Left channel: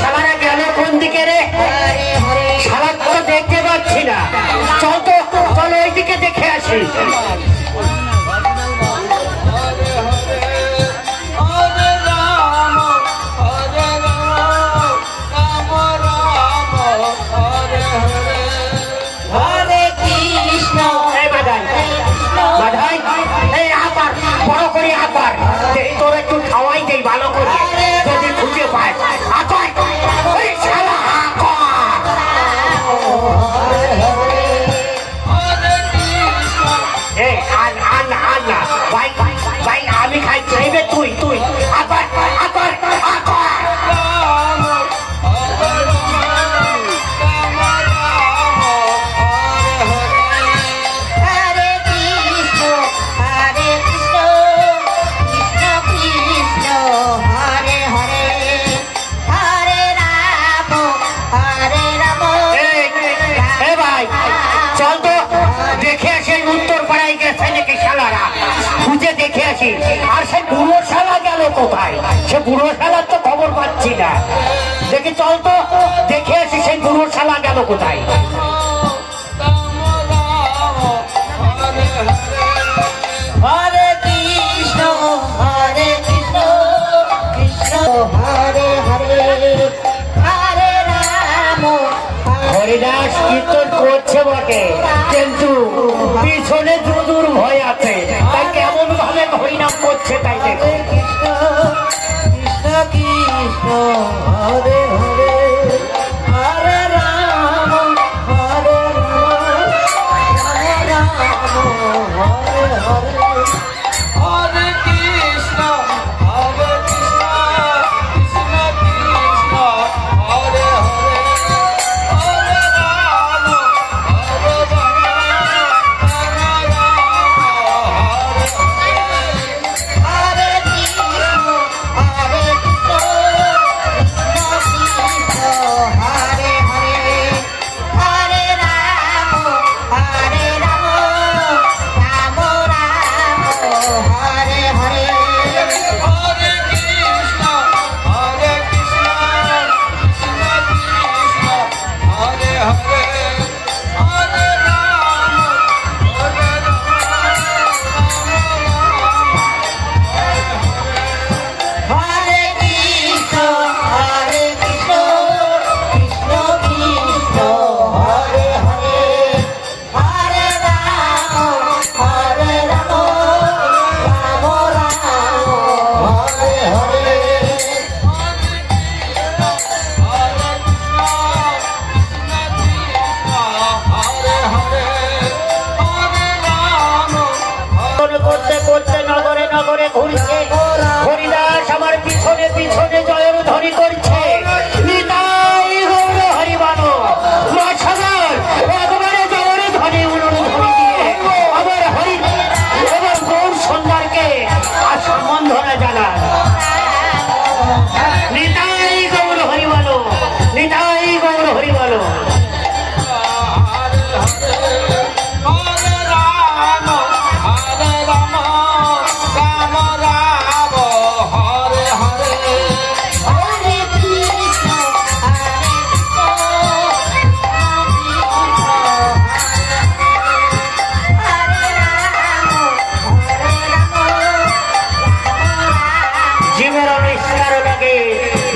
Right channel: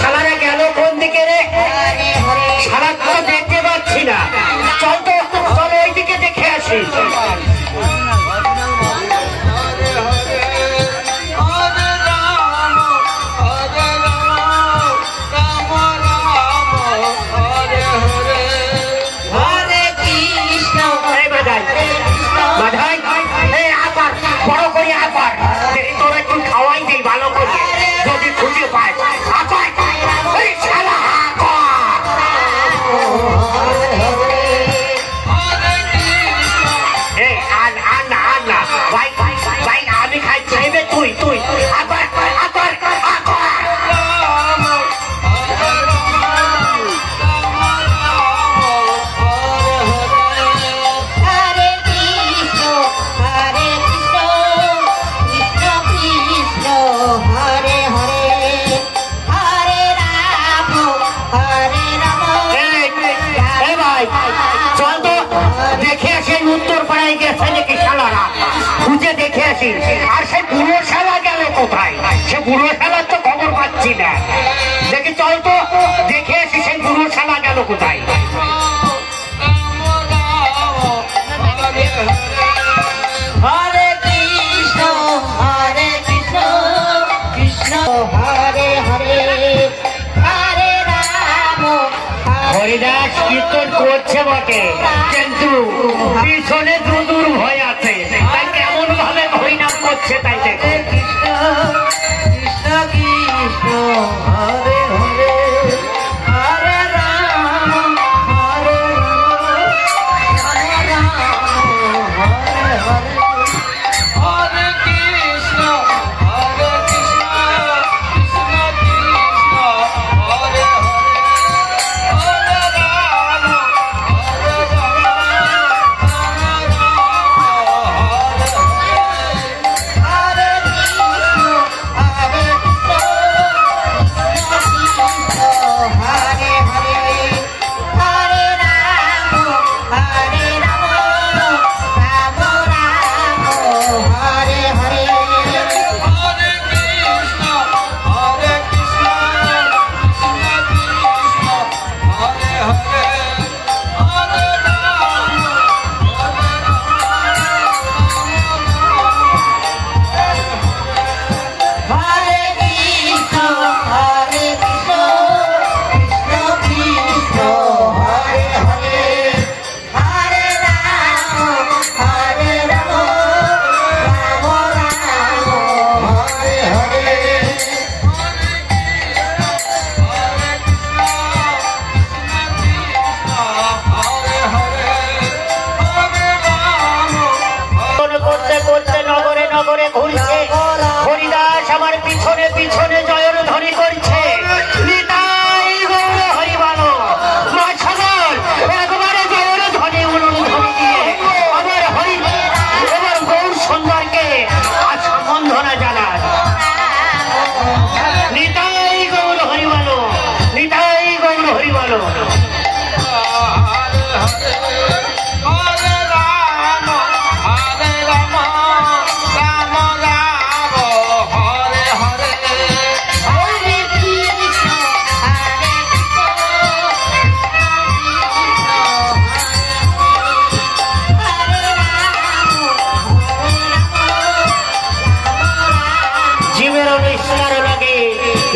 শালারা গেল কোন দিকে রে? শালা তো দেখতে পাচ্ছি না। চল তো, চলো এইদিকে দেখে আসি। ভালো করে যদি খুঁজে পায় ভাই আমি খাই চাইবে তুই তুই আর সে বুড়ো শালা গেল কোথায়? সে বুড়ো শালার তো খবর পাচ্ছি না। দেখি চল তো দেখে আসি সেই বুড়ো শালা গেল কোথায়। হরে কৃষ্ণ কৃষ্ণ হরে হরে হরে রাম। হরিদাস কীর্তন করছে বটে, কিন্তু পিছনে যদুর ভয় আছে। তাই কেমন ভাবে হরিনাম করছে তাই দেখো। কৃষ্ণ কৃষ্ণ কৃষ্ণ হরে হরে হরে রাম হরে রাম হরে হরে হরে কৃষ্ণ হরে কৃষ্ণ কৃষ্ণ কৃষ্ণ হরে হরে হরে রাম হরে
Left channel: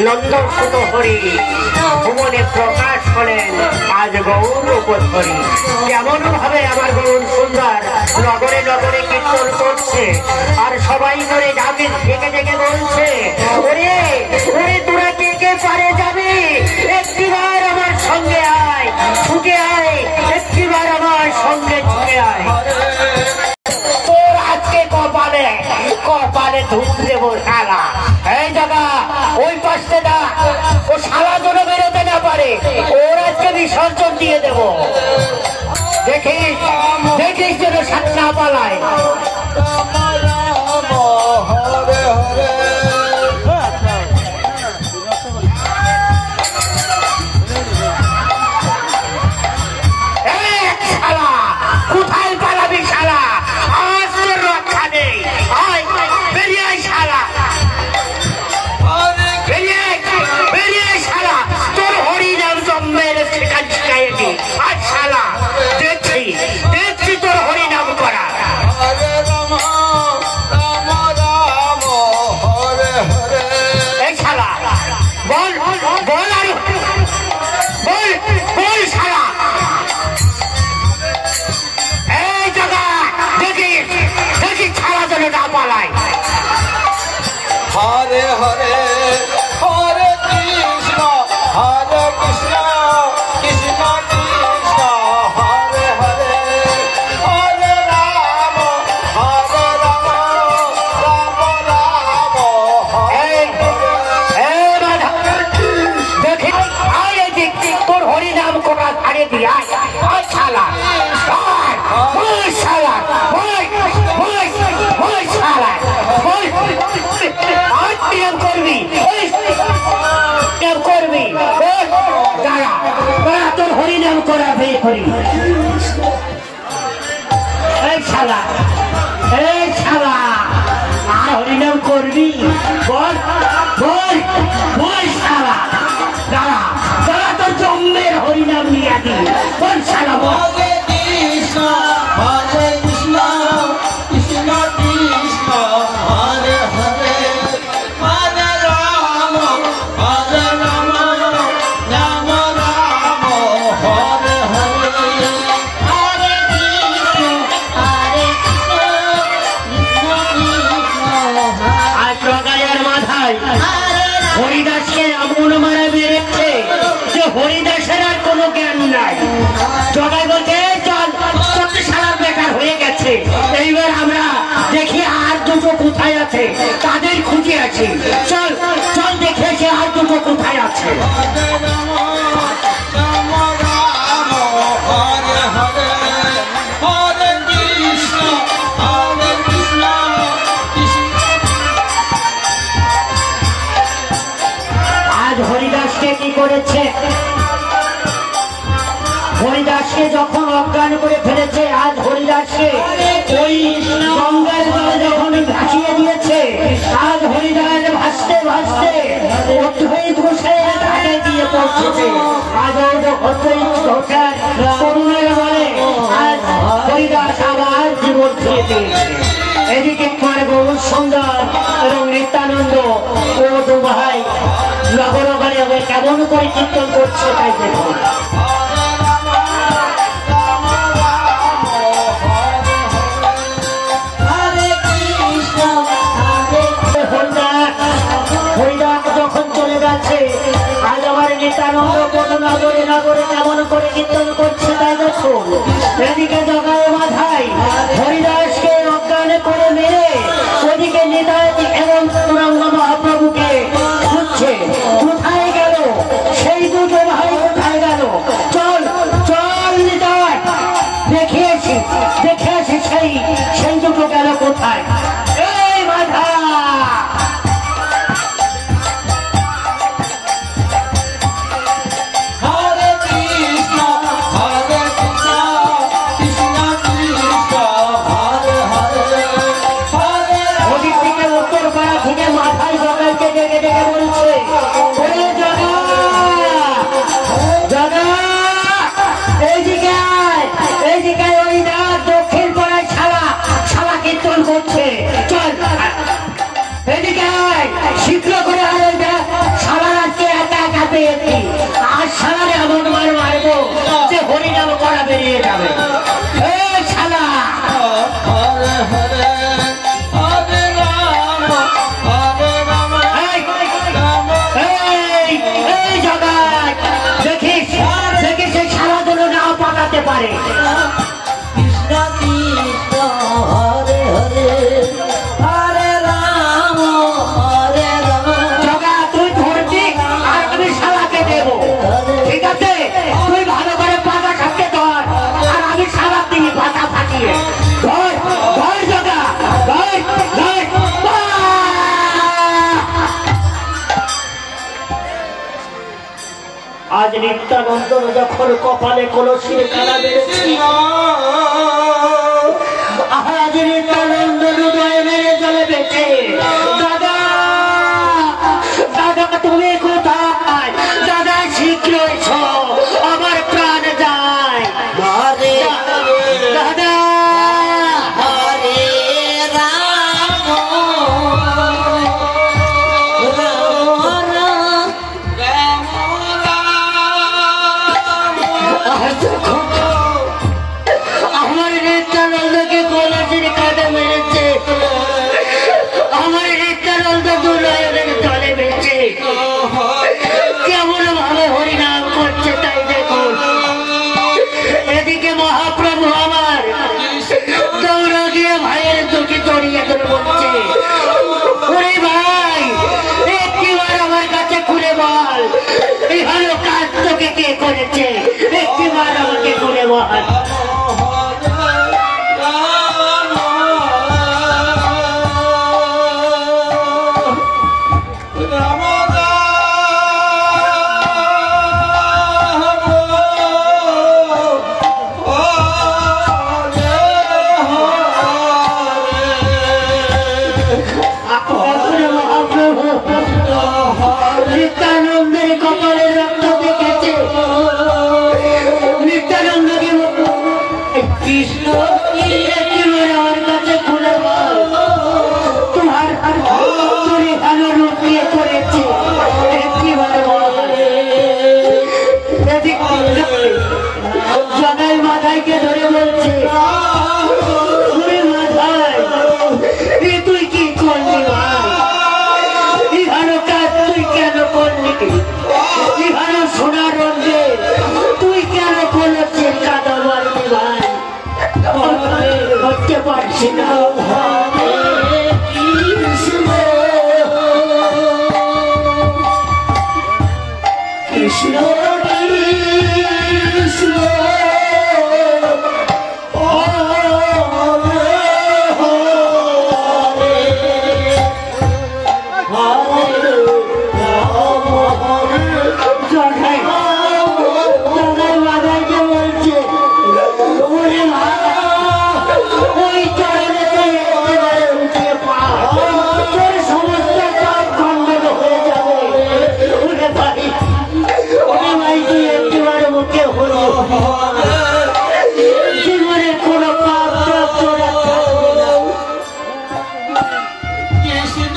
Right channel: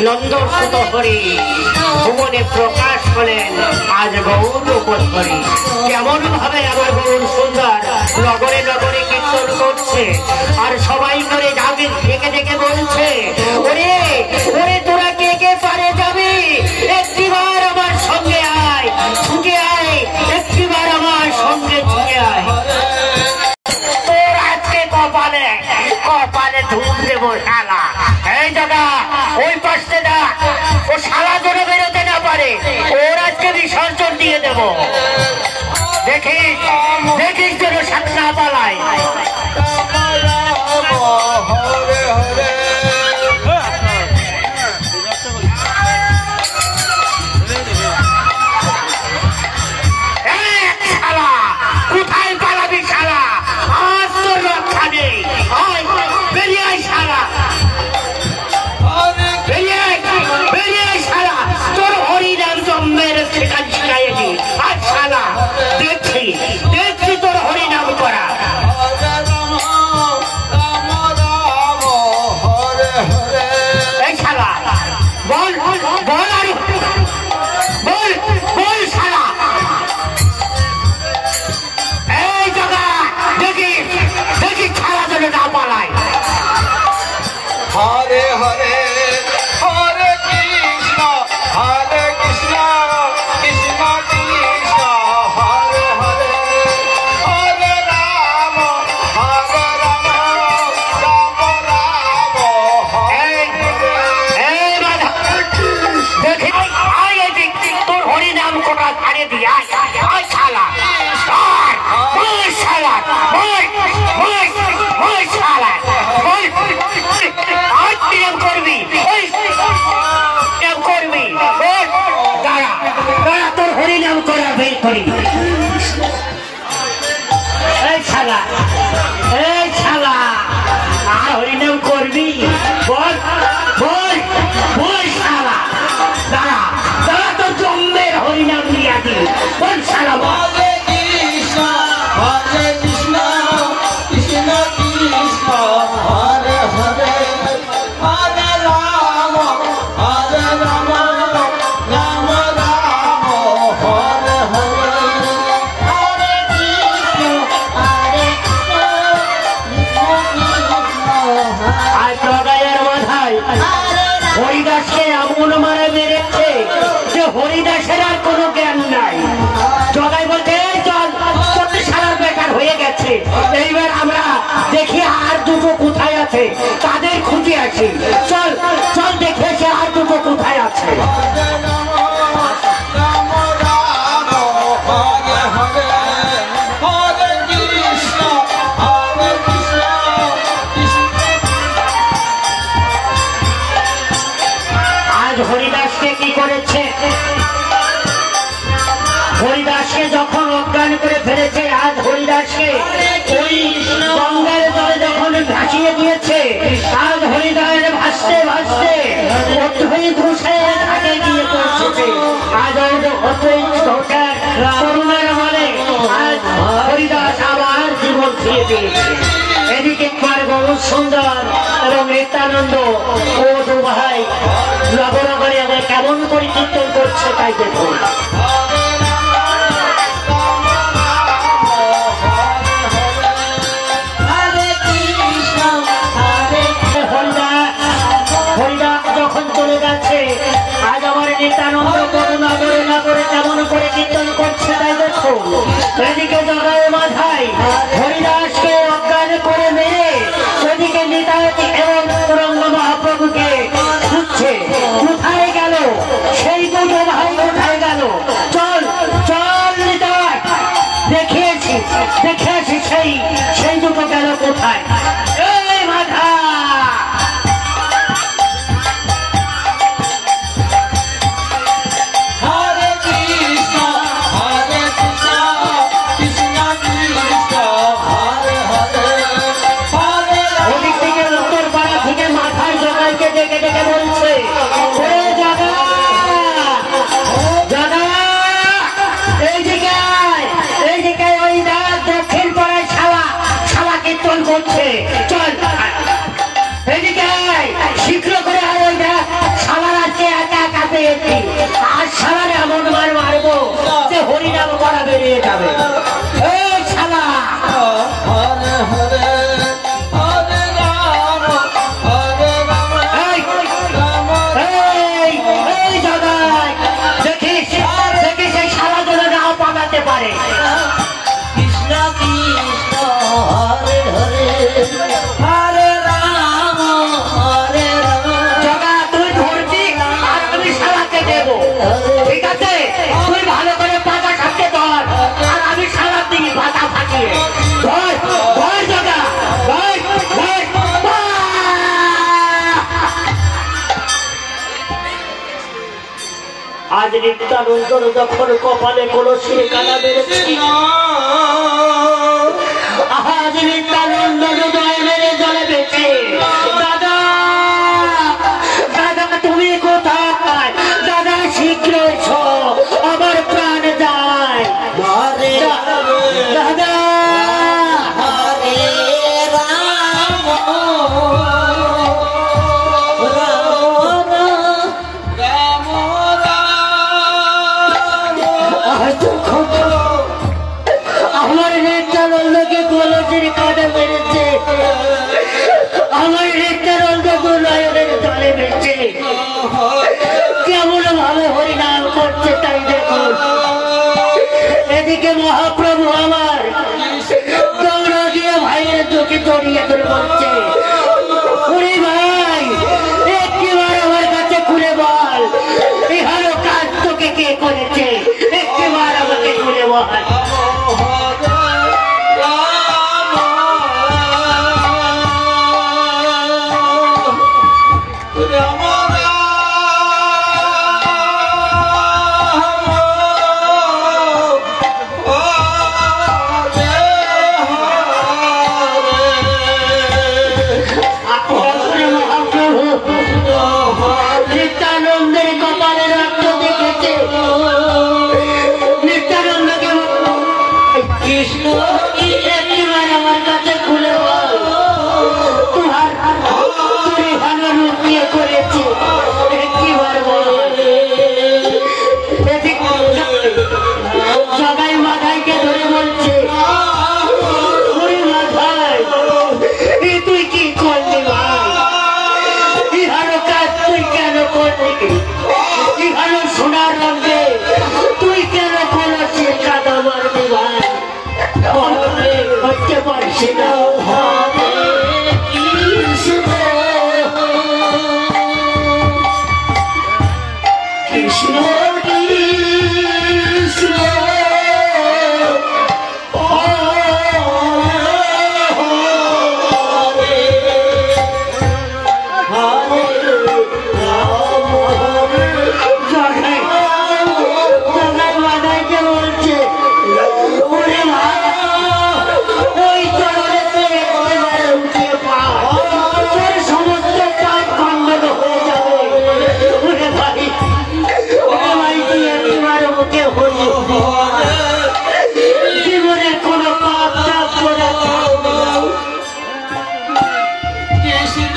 নন্দন সুত হরি ভুবনে প্রকাশ হলেন আজ গৌর উপর হরি। কেমন ভাবে আমার গৌর সুন্দর নগরে নগরে কীর্তন করছে, আর সবাই করে যাকে ডেকে ডেকে বলছে, ওরে ওরে তোরা কে কে পারে যাবি, একটিবার আমার সঙ্গে আয়, ছুটে আয়, একটিবার আমার সঙ্গে ছুটে আয়। তোর আজকে কপালে কপালে ধূপ দেবো শালা। এই দাদা ওই পাশে দা, ও শালা জন্য বেরোতে না পারে, ওর আজকে বিসর্জন দিয়ে দেব। দেখিস দেখিস যেন সাত না পালায়। কোথায় পালাবি? কি আজ শালা দেখছি দেখছি তোর হরিনাম করা। এই শালা বল বল আরে বল বল শালা। এই জায়গা দেখি দেখি ছাড়া যেন না পালায়। হরে হরে হরে কৃষ্ণ হরে কৃষ্ণ কৃষ্ণ কৃষ্ণ হরে হরে হরে রাম রাম রাম দেখি আয় এদিক তোর হরিনাম করা ছাড়ে দি আয় আয় শালা শালা শালা করবি করবি দাঁড়া দাঁড়া তোর হরিনাম করা বের করি। এই শালা হরিনাম করবি বল বল বল শালা। দাঁড়া দাঁড়া তোর জন্মের হরিনাম নিয়ে দি বল শালা বল। হরিদাসকে এমন মারা মেরেছে যে হরিদাসের আর কোনো জ্ঞান নাই। জগাই বলতে চল তোর সারা বেকার হয়ে গেছে, এইবার আমরা দেখি আর দুটো কোথায় আছে তাদের খুঁজে আছে। চল চল দেখে সে আর দুটো কোথায় আছে। হরিদাসকে কি করেছে? হরিদাসকে যখন অজ্ঞান করে ফেলেছে, আজ হরিদাসকে ওই গঙ্গার জলে যখন ভাসিয়ে দিয়েছে, আজ হরিদাস ভাসতে ভাসতে ঘাটে গিয়ে পৌঁছেছে। আজ করুণার বলে আজ হরিদাস আবার জীবন ফিরে পেয়েছে। এদিকে কুমার গৌর সুন্দর এবং নিত্যানন্দ ও দু ভাই নগরবারে আমরা কেমন করে কীর্তন করছে তাই দেখুন। হরিদাস যখন চলে যাচ্ছে, আজ আমার নিত্যানন্দ নগরে নগরে কেমন করে কীর্তন করছে তাই দেখুন। এদিকে জগায় মাথায় হরিদাসকে অজ্ঞান করে মেরে ওইদিকে নিতাই এবং গৌরাঙ্গ মহাপ্রভুকে খুঁজছে। কোথায় গেল সেই দুটো ভাই, কোথায় গেল? চল চল নিতাই দেখিয়েছি দেখিয়েছি সেই দুটো গেল কোথায়? এই মাথা শীঘ্র করে সারাকে একা একা পেয়েছি। আর সারারে এমন মার মারবো যে হরিনাম করা বেরিয়ে যাবে। দেখিস দেখিস এই সারা যেন না পাঠাতে পারে। ঠিক আছে, তুই ভালো করে পাতা খাতে ধর আর আমি সারা দিন পাতা ফাটিয়ে ধর ধর জগা ধর ধর। আজ নিত্যানন্দ যখন কপালে কলসির কানা বেড়েছি, আজ নিত্যানন্দ হৃদয়ে মেরে জলে বেঁচে। দাদা দাদা তুমি কোথায়? দাদা শীঘ্র এসো, আমার প্রাণ যা আমার নিত্যানন্দকে কলেজের কাঁধে মেরেছে, আমার নিত্যানন্দ দুনয়নের জলে মেরেছে। কেমন ভাবে হরিনাম করছে তাই দেখুন। এদিকে মহাপ্রভু আমার দৌড় দিয়ে ভাইয়ের চোখে জড়িয়ে ধরে বলছে, ওরে ভাই একটিবার আমার কাছে খুলে বল, এই ভালো কাজ তোকে কে করেছে, একটিবার আমাকে খুলে বল। নিত্যানন্দের কপালে রক্ত দেখেছে, নিত্যানন্দকে কৃষ্ণ একটিবার আমার কাছে খুলে বল, তোমার তুমি ভালো রূপ দিয়ে করেছে, একটিবার বল। জগাই মাথায়কে ধরে বলছে, মাথায় তুই কি করলি ভাই, ভালো কাজ তুই কেন করলি, ভালো সোনার রঙে তুই কেন করেছিস কাদা মারবি ভাই, ভাবতে পারছি না। কৃষ্ণ কৃষ্ণ জীবনে কোনো পাপ টাপ করে কৃষ্ণ